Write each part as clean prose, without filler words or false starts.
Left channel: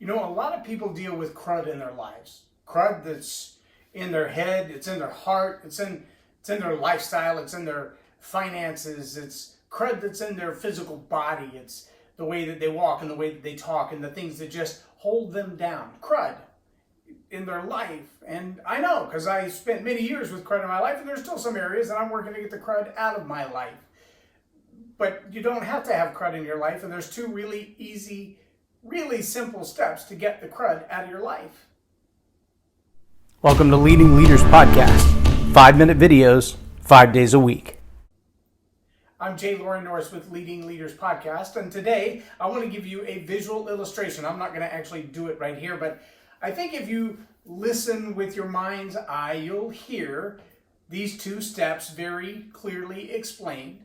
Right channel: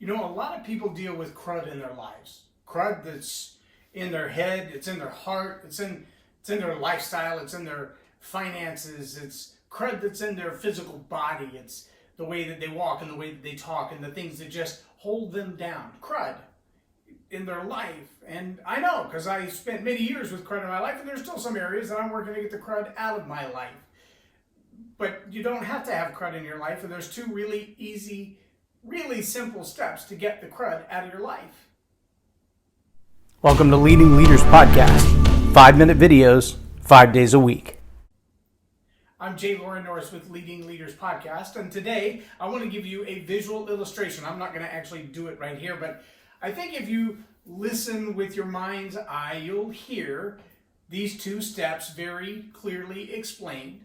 You know, a lot of people deal with CRUD in their lives. CRUD that's in their head, it's in their heart, it's in their lifestyle, it's in their finances, it's CRUD that's in their physical body, it's the way that they walk and the way that they talk and the things that just hold them down. CRUD in their life. And I know, because I spent many years with CRUD in my life, and there's still some areas that I'm working to get the CRUD out of my life. But you don't have to have CRUD in your life, and there's two really easy, really simple steps to get the CRUD out of your life. Welcome to Leading Leaders Podcast. 5-minute videos, 5 days a week. I'm J Loren Norris with Leading Leaders Podcast, and today I want to give you a visual illustration. I'm not going to actually do it right here, but I think if you listen with your mind's eye, you'll hear these two steps very clearly explained.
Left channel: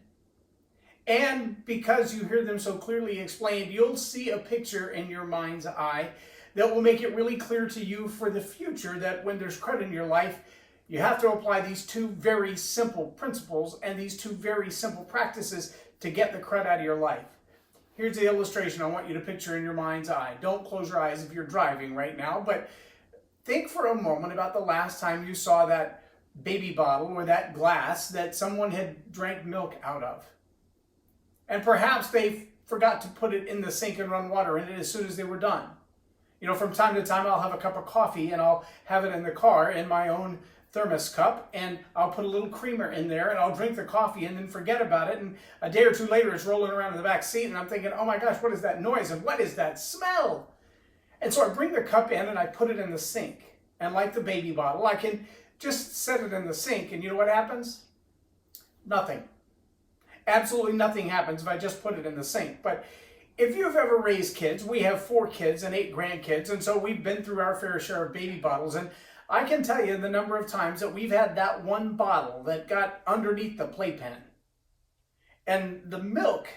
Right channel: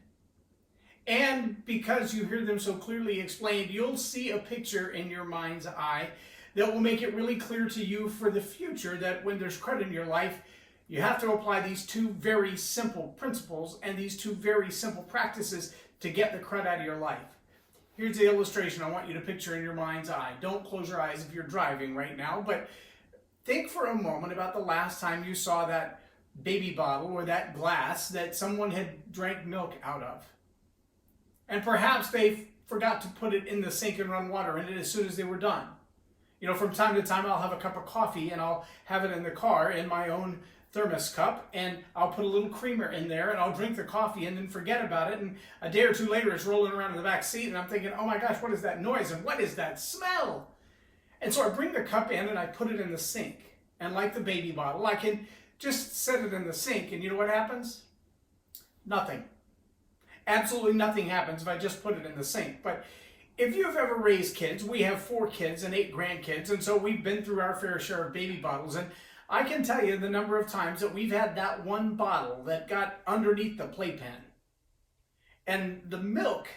And because you hear them so clearly explained, you'll see a picture in your mind's eye that will make it really clear to you for the future that when there's CRUD in your life, you have to apply these two very simple principles and these two very simple practices to get the CRUD out of your life. Here's the illustration I want you to picture in your mind's eye. Don't close your eyes if you're driving right now, but think for a moment about the last time you saw that baby bottle or that glass that someone had drank milk out of. And perhaps they forgot to put it in the sink and run water in it as soon as they were done. You know, from time to time, I'll have a cup of coffee and I'll have it in the car in my own thermos cup, and I'll put a little creamer in there and I'll drink the coffee and then forget about it. And a day or two later, it's rolling around in the back seat and I'm thinking, oh my gosh, what is that noise? And what is that smell? And so I bring the cup in and I put it in the sink. And like the baby bottle, I can just set it in the sink. And you know what happens? Nothing. Absolutely nothing happens if I just put it in the sink. But if you've ever raised kids, we have 4 kids and 8 grandkids, and so we've been through our fair share of baby bottles. And I can tell you the number of times that we've had that one bottle that got underneath the playpen. And the milk,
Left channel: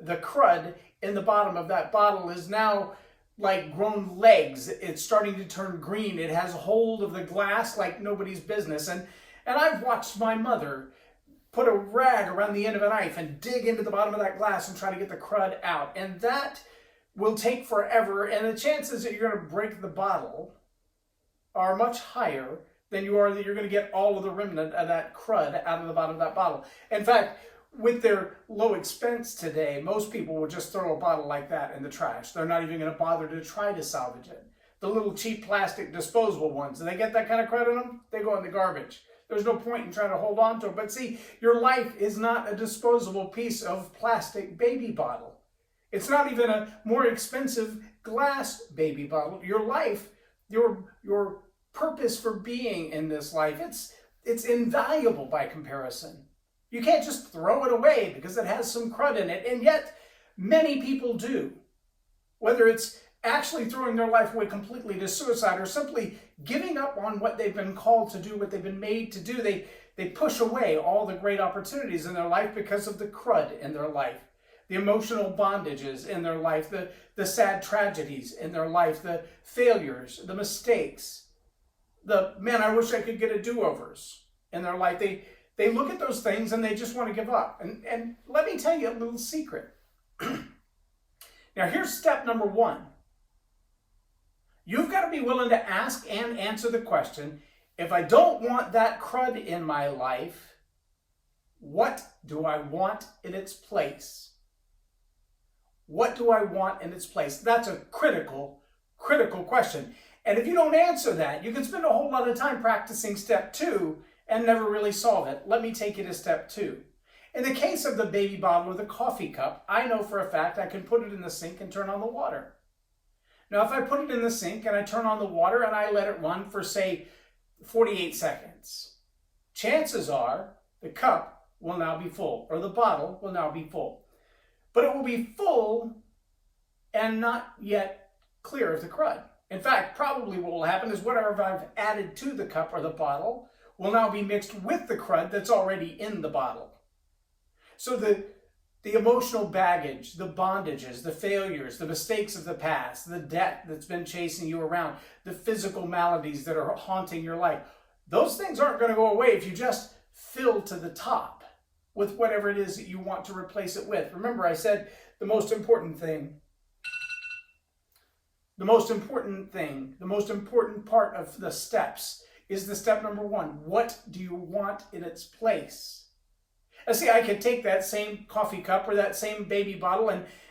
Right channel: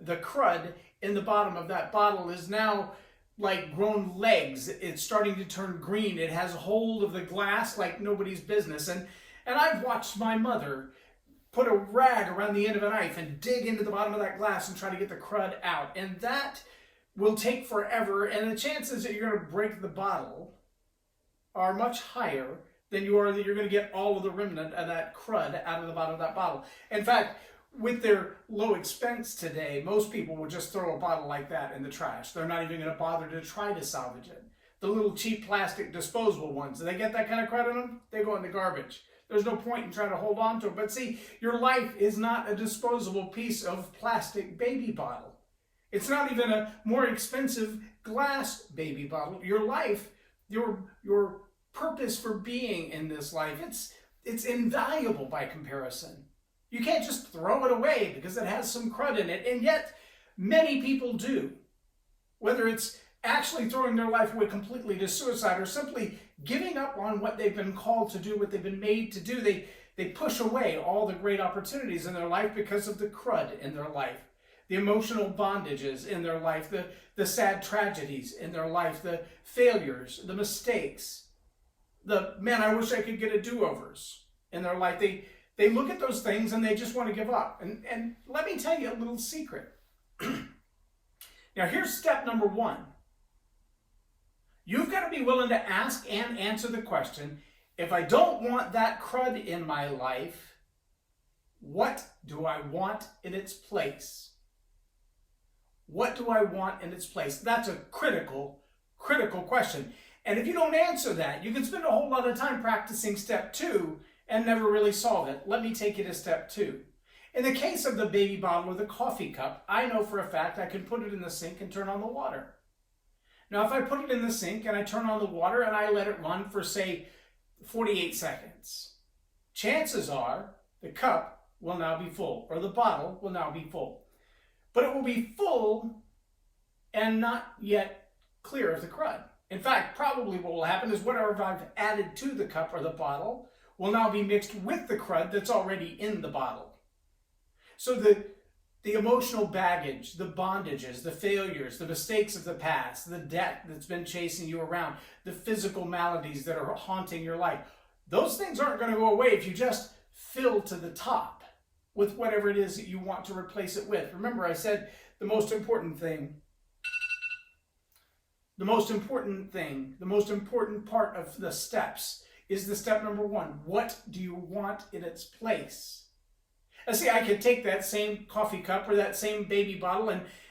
the CRUD in the bottom of that bottle is now like grown legs. It's starting to turn green. It has hold of the glass like nobody's business. And I've watched my mother put a rag around the end of a knife and dig into the bottom of that glass and try to get the CRUD out. And that will take forever. And the chances that you're going to break the bottle are much higher than you are that you're going to get all of the remnant of that CRUD out of the bottom of that bottle. In fact, with their low expense today, most people will just throw a bottle like that in the trash. They're not even going to bother to try to salvage it. The little cheap plastic disposable ones, do they get that kind of CRUD in them? They go in the garbage. There's no point in trying to hold on to it. But see, your life is not a disposable piece of plastic baby bottle. It's not even a more expensive glass baby bottle. Your life, your purpose for being in this life, it's invaluable by comparison. You can't just throw it away because it has some CRUD in it, and yet many people do. Whether it's actually throwing their life away completely to suicide or simply giving up on what they've been called to do, what they've been made to do, they push away all the great opportunities in their life because of the CRUD in their life. The emotional bondages in their life, the sad tragedies in their life, the failures, the mistakes, the, man, I wish I could get a do-overs in their life. They look at those things and they just want to give up. And let me tell you a little secret. Now, here's step number 1. You've got to be willing to ask and answer the question, if I don't want that CRUD in my life, what do I want in its place? What do I want in its place? That's a critical question. And if you don't answer that, you can spend a whole lot of time practicing step 2 and never really solve it. Let me take you to step 2. In the case of the baby bottle or the coffee cup, I know for a fact I can put it in the sink and turn on the water. Now, if I put it in the sink and I turn on the water and I let it run for, say, 48 seconds, chances are the cup will now be full, or the bottle will now be full. But it will be full and not yet clear of the CRUD. In fact, probably what will happen is whatever I've added to the cup or the bottle will now be mixed with the CRUD that's already in the bottle. So the emotional baggage, the bondages, the failures, the mistakes of the past, the debt that's been chasing you around, the physical maladies that are haunting your life, those things aren't going to go away if you just fill to the top with whatever it is that you want to replace it with. Remember, I said the most important thing The most important thing, the most important part of the steps is the step number one. What do you want in its place? And see, I could take that same coffee cup or that same baby bottle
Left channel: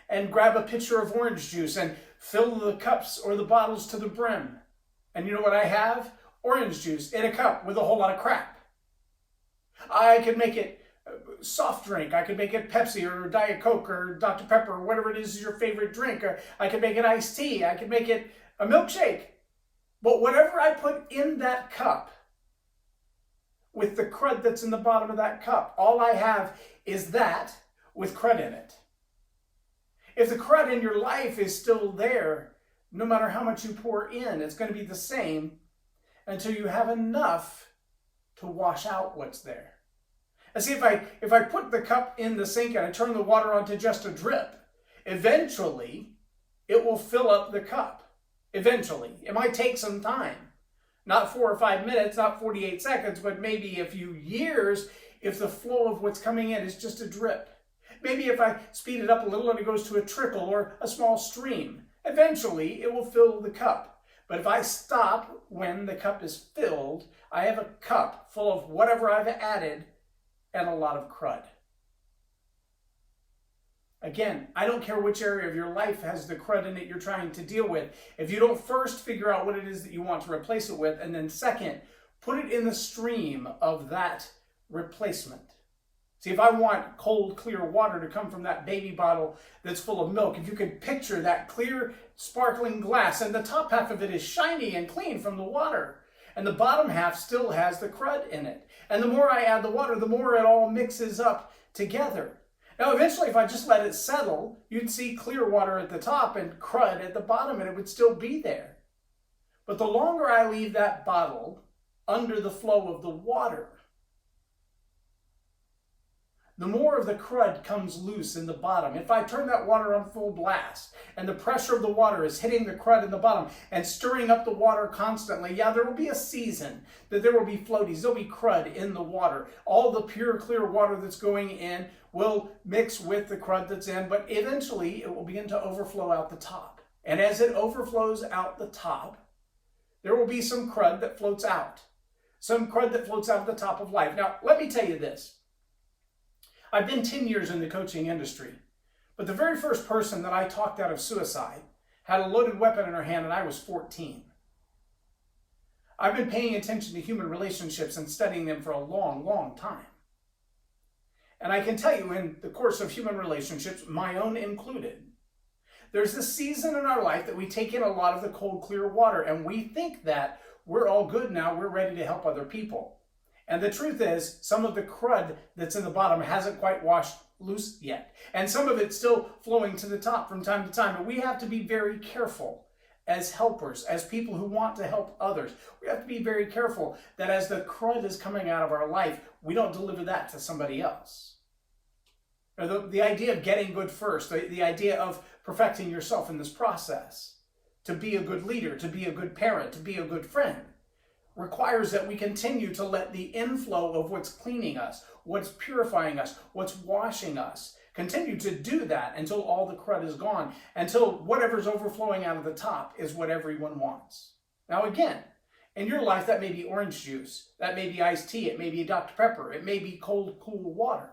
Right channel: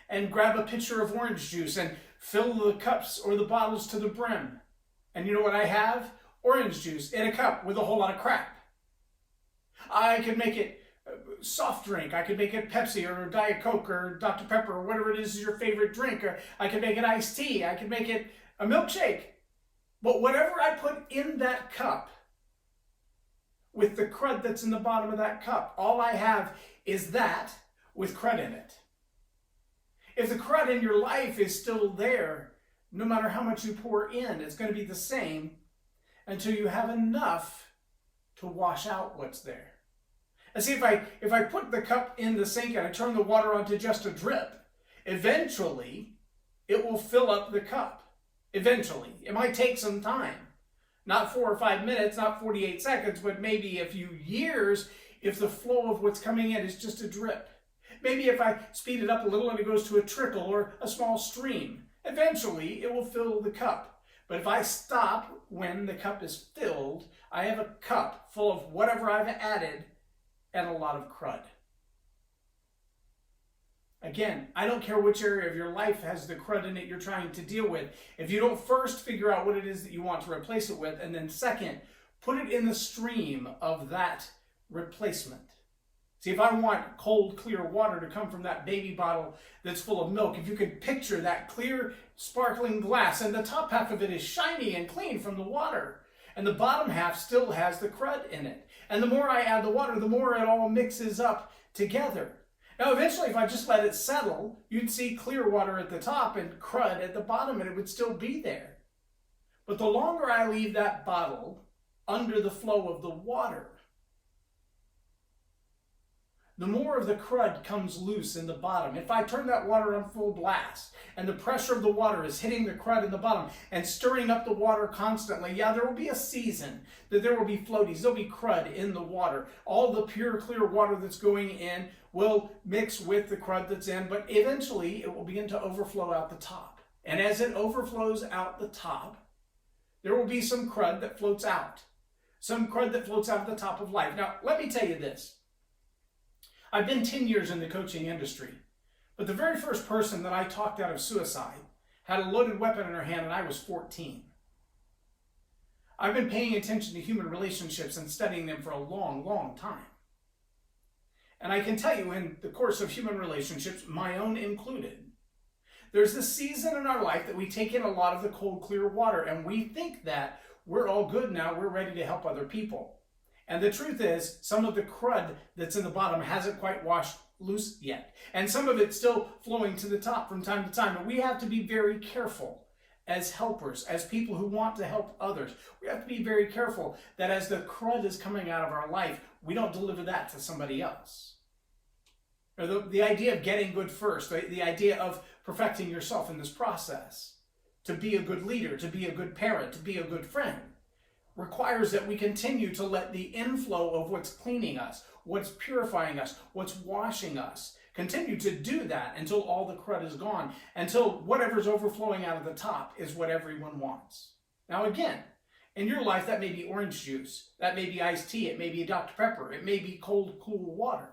and grab a pitcher of orange juice and fill the cups or the bottles to the brim. And you know what I have? Orange juice in a cup with a whole lot of crap. I could make it soft drink. I could make it Pepsi or Diet Coke or Dr. Pepper or whatever it is your favorite drink. Or I could make it iced tea. I could make it a milkshake. But whatever I put in that cup, with the crud that's in the bottom of that cup, all I have is that with crud in it. If the crud in your life is still there, no matter how much you pour in, it's going to be the same until you have enough to wash out what's there. And see, if I put the cup in the sink and I turn the water on to just a drip, eventually it will fill up the cup. Eventually. It might take some time. Not 4 or 5 minutes, not 48 seconds, but maybe a few years if the flow of what's coming in is just a drip. Maybe if I speed it up a little and it goes to a trickle or a small stream, eventually it will fill the cup. But if I stop when the cup is filled, I have a cup full of whatever I've added and a lot of crud. Again, I don't care which area of your life has the crud in it you're trying to deal with. If you don't first figure out what it is that you want to replace it with, and then second, put it in the stream of that replacement. See, if I want cold, clear water to come from that baby bottle that's full of milk, if you could picture that clear, sparkling glass, and the top half of it is shiny and clean from the water, and the bottom half still has the crud in it. And the more I add the water, the more it all mixes up together. Now, eventually, if I just let it settle, you'd see clear water at the top and crud at the bottom, and it would still be there. But the longer I leave that bottle under the flow of the water, the more of the crud comes loose in the bottom. If I turn that water on full blast and the pressure of the water is hitting the crud in the bottom and stirring up the water constantly, yeah, there will be a season that there will be floaties. There'll be crud in the water. All the pure, clear water that's going in will mix with the crud that's in, but eventually it will begin to overflow out the top. And as it overflows out the top, there will be some crud that floats out. Some crud that floats out of the top of life. Now, let me tell you this. I've been 10 years in the coaching industry, but the very first person that I talked out of suicide had a loaded weapon in her hand, and I was 14. I've been paying attention to human relationships and studying them for a long, long time. And I can tell you, in the course of human relationships, my own included, there's this season in our life that we take in a lot of the cold, clear water, and we think that we're all good now, we're ready to help other people. And the truth is, some of the crud that's in the bottom hasn't quite washed loose yet. And some of it's still flowing to the top from time to time. And we have to be very careful as helpers, as people who want to help others. We have to be very careful that as the crud is coming out of our life, we don't deliver that to somebody else. The idea of getting good first, the idea of perfecting yourself in this process, to be a good leader, to be a good parent, to be a good friend, requires that we continue to let the inflow of what's cleaning us, what's purifying us, what's washing us, continue to do that until all the crud is gone, until whatever's overflowing out of the top is what everyone wants. Now again, in your life, that may be orange juice, that may be iced tea, it may be Dr. Pepper, it may be cold, cool water.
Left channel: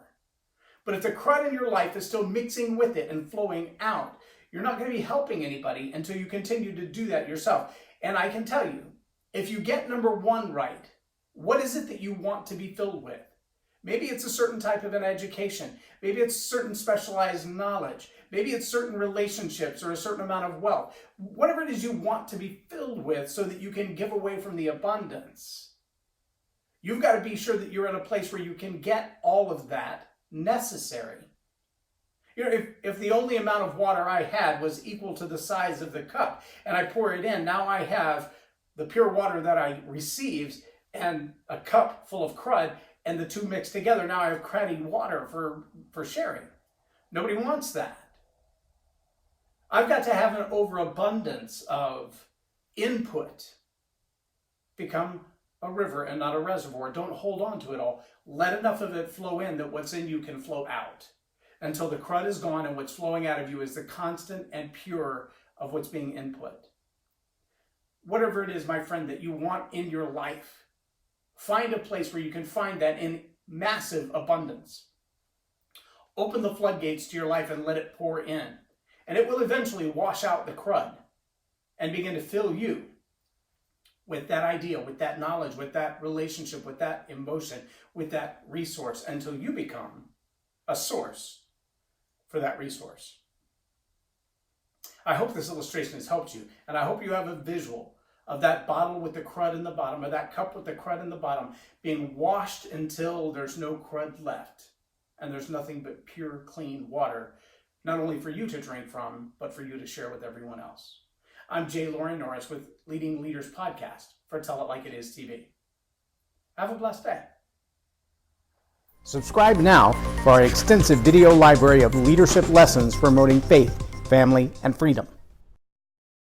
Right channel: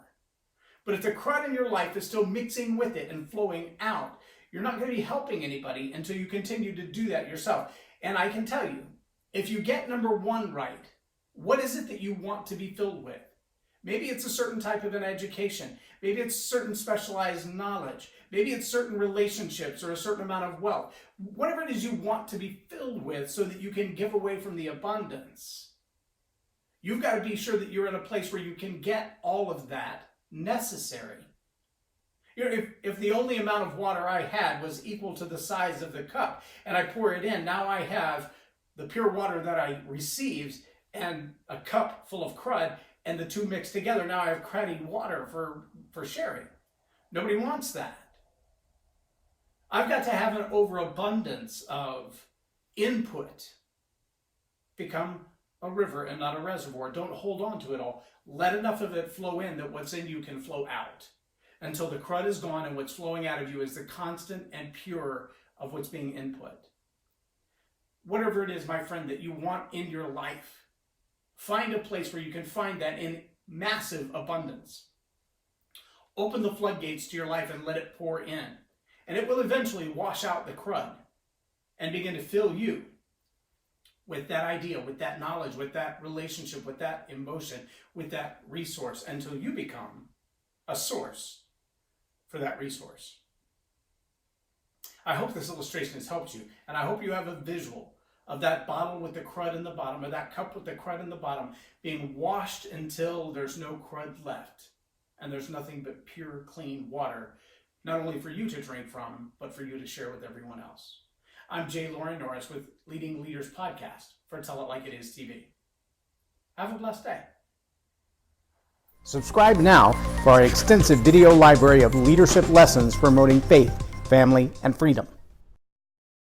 But if the crud in your life is still mixing with it and flowing out, you're not going to be helping anybody until you continue to do that yourself. And I can tell you, if you get number one right, what is it that you want to be filled with? Maybe it's a certain type of an education. Maybe it's certain specialized knowledge. Maybe it's certain relationships or a certain amount of wealth. Whatever it is you want to be filled with so that you can give away from the abundance. You've got to be sure that you're in a place where you can get all of that necessary. You know, if the only amount of water I had was equal to the size of the cup and I pour it in, now I have the pure water that I received and a cup full of crud, and the two mixed together. Now I have cruddy water for sharing. Nobody wants that. I've got to have an overabundance of input. Become a river and not a reservoir. Don't hold on to it all. Let enough of it flow in that what's in you can flow out until the crud is gone and what's flowing out of you is the constant and pure of what's being input. whatever it is, my friend, that you want in your life, find a place where you can find that in massive abundance. Open the floodgates to your life and let it pour in. And it will eventually wash out the crud and begin to fill you with that idea, with that knowledge, with that relationship, with that emotion, with that resource, until you become a source for that resource. I hope this illustration has helped you, and I hope you have a visual of that bottle with the crud in the bottom, or that cup with the crud in the bottom, being washed until there's no crud left, and there's nothing but pure, clean water, not only for you to drink from, but for you to share with everyone else. I'm J Loren Norris with Leading Leaders Podcast for Tell It Like It Is TV. Have a blessed day. Subscribe now for our extensive video library of leadership lessons promoting faith, family, and freedom.